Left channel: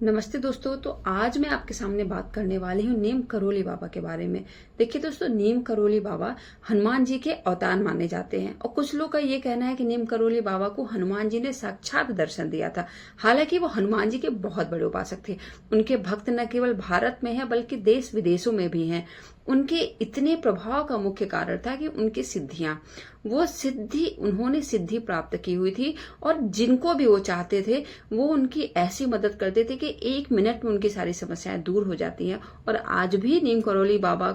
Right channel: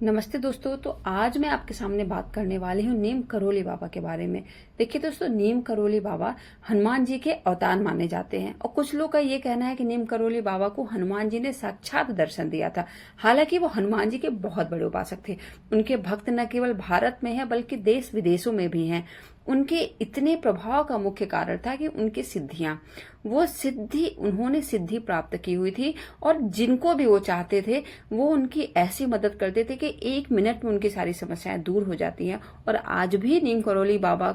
नमस्ते दोस्तों। तो आज मैं आपके सामने बात करने वाली हूँ नीम करोली बाबा के बारे में। देखिए दोस्तों, नीम करोली बाबा हनुमान जी के अवतार माने जाते हैं और कुछ लोग का ये कहना है कि नीम करोली बाबा को हनुमान जी ने साक्षात दर्शन दिया था। हालांकि वो हनुमान जी के बहुत बड़े उपासक थे। उनके भक्त न केवल भारत में है बल्कि देश विदेशों में भी हैं। उनके इतने प्रभाव का मुख्य कारण था कि उनकी सिद्धियां, उन्होंने सिद्धि प्राप्त की हुई थी और जिनको भी वो चाहते थे वो उनकी ऐसी मदद करते थे कि 1 मिनट में उनकी सारी समस्याएं दूर हो जाती हैं। और आज भी नीम करोली बाबा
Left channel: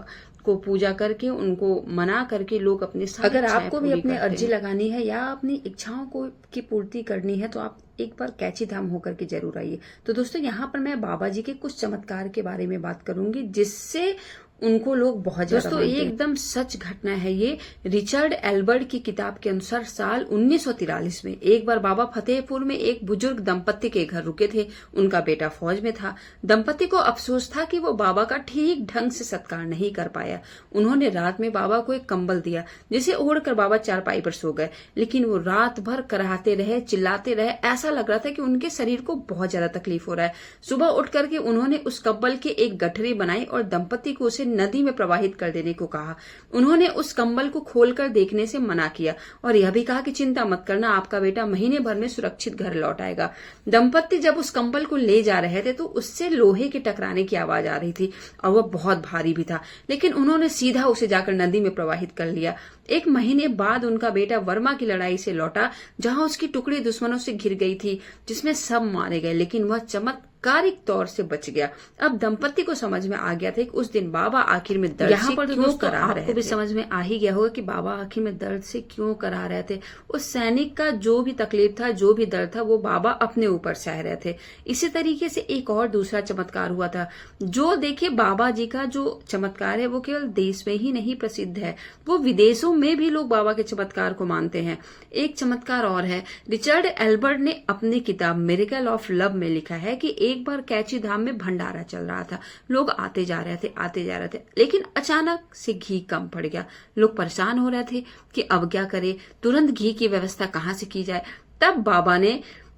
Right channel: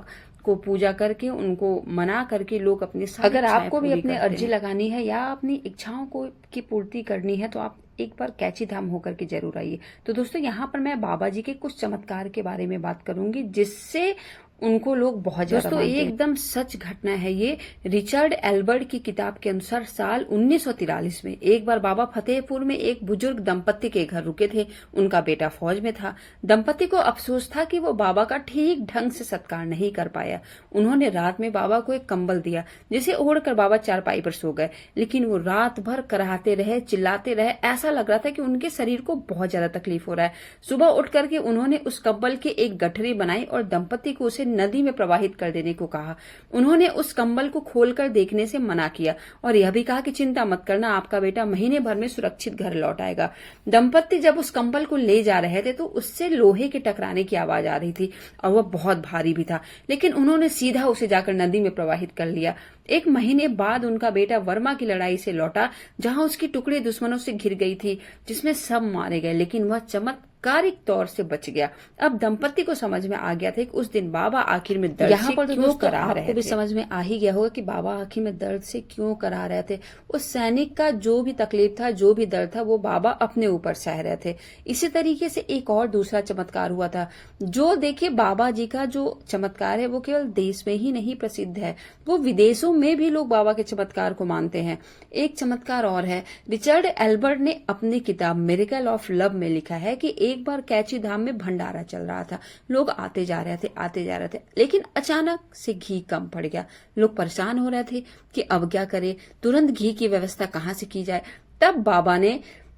को पूजा करके, उनको मना करके लोग अपने सारी अगर आपको भी अपनी अर्जी लगानी है या अपनी इच्छाओं को की पूर्ति करनी है तो आप एक बार कैची धाम होकर के जरूर आइए। तो दोस्तों, यहाँ पर मैं बाबा जी के कुछ चमत्कार के बारे में बात करूंगी जिससे उनको लोग बहुत ज्यादा दोस्तों ये एकदम सच घटना है। ये रिचर्ड एल्बर्ट की किताब के अनुसार साल 1943 में एक बार बाबा फतेहपुर में एक बुजुर्ग दंपत्ति के घर रुके थे। उनका बेटा फौज में था। दंपत्ति को अफसोस था कि वो बाबा का ठीक ढंग से सत्कार नहीं कर पाया। उन्होंने रात में बाबा को एक कंबल दिया जिसे ओढ़कर बाबा चारपाई पर सो गए, लेकिन वो रात भर कराहते रहे, चिल्लाते रहे। ऐसा लग रहा था कि उनके शरीर को बहुत ज्यादा तकलीफ हो रहा है। सुबह उठ करके उन्होंने उस कंबल की एक गठरी बनाई और दंपत्ति को उसे नदी में प्रवाहित कर देने को कहा। उन्होंने उस कंबल को खोलकर देखने से मना किया और यह भी कहा कि चिंता मत करना, आपका बेटा महीने भर में सुरक्षित घर लौट आएगा। दंपत्ति जब उस कंबल को ले जा रहे थे तो उससे लोहे के टकराने की आवाज आ रही थी और वह बहुत भारी भी था, लेकिन उन्होंने सीधा उसे जाकर नदी में प्रवाहित कर लिया। 1 महीने बाद उनका बेटा वर्मा की लड़ाई से लौटा, जहां उसकी टुकड़ी दुश्मनों से घिर गई थी, जिसमें सब मारे गए, लेकिन वह चमत्कारिक तौर से बच गया। अब दंपत्ति को समझ में आ गया था कि उस दिन बाबा आखिर में दर्द यहाँ पर क्यों करा रहे थे। आपको भी समझ में आ ही गया होगा कि बाबा आखिर में दर्द से क्यों करा रहे थे। उस सैनिक का जो भी तकलीफ था, जो भी दर्द था, वो बाबा अपने ऊपर सह रहे थे। इसी तरीके से एक और दूसरा चमत्कार हुआ था। जो देखिए, बाबा जी का जो चमत्कार है वो केवल देश में ही नहीं प्रसिद्ध है, वो विदेशों में भी लोग बाबा के चमत्कार को मानते हैं। एक चमत्कार और है। रिचर्ड एल्बर्ट ने अपनी किताब मिरेकल ऑफ लव में लिखा है कि एक बार कैची धाम में भंडारा चल रहा था। लोग आते जा रहे थे, लेकिन अचानक से घी कम पड़ गया। लोग परेशान हो रहे थे कि अब क्या करें, तुरंत घी की व्यवस्था कहाँ से की जाए। तब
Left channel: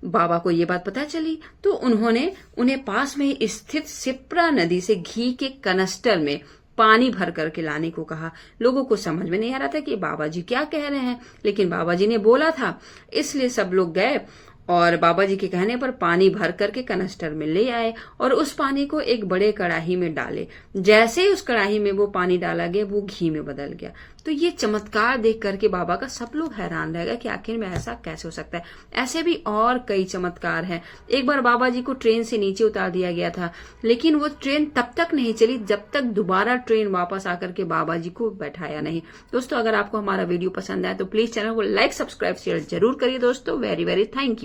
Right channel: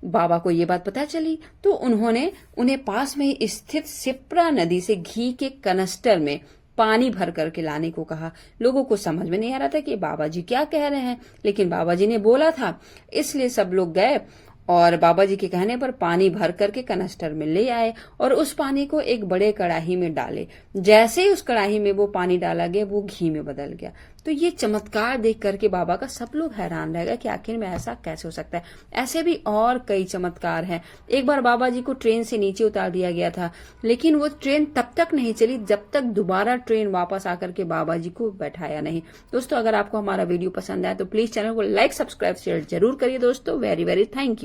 बाबा को ये बात पता चली तो उन्होंने उन्हें पास में स्थित सिप्रा नदी से घी के कनस्टर में पानी भर करके लाने को कहा। लोगों को समझ में नहीं आ रहा था कि बाबा जी क्या कह रहे हैं, लेकिन बाबा जी ने बोला था, इसलिए सब लोग गए और बाबा जी के कहने पर पानी भर करके कनस्टर में ले आए और उस पानी को एक बड़े कड़ाही में डाले। जैसे ही उस कड़ाही में वो पानी डाला गया वो घी में बदल गया। तो ये चमत्कार देख करके बाबा का सब लोग हैरान रह गए कि आखिर में ऐसा कैसे हो सकता है। ऐसे भी और कई चमत्कार हैं। एक बार बाबा जी को ट्रेन से नीचे उतार दिया गया था, लेकिन वो ट्रेन तब तक नहीं चली जब तक दोबारा ट्रेन वापस आकर के बाबा जी को बैठाया नहीं। दोस्तों, अगर आपको हमारा वीडियो पसंद आया तो प्लीज चैनल को लाइक, सब्सक्राइब, शेयर जरूर करिए दोस्तों। Very very thank you.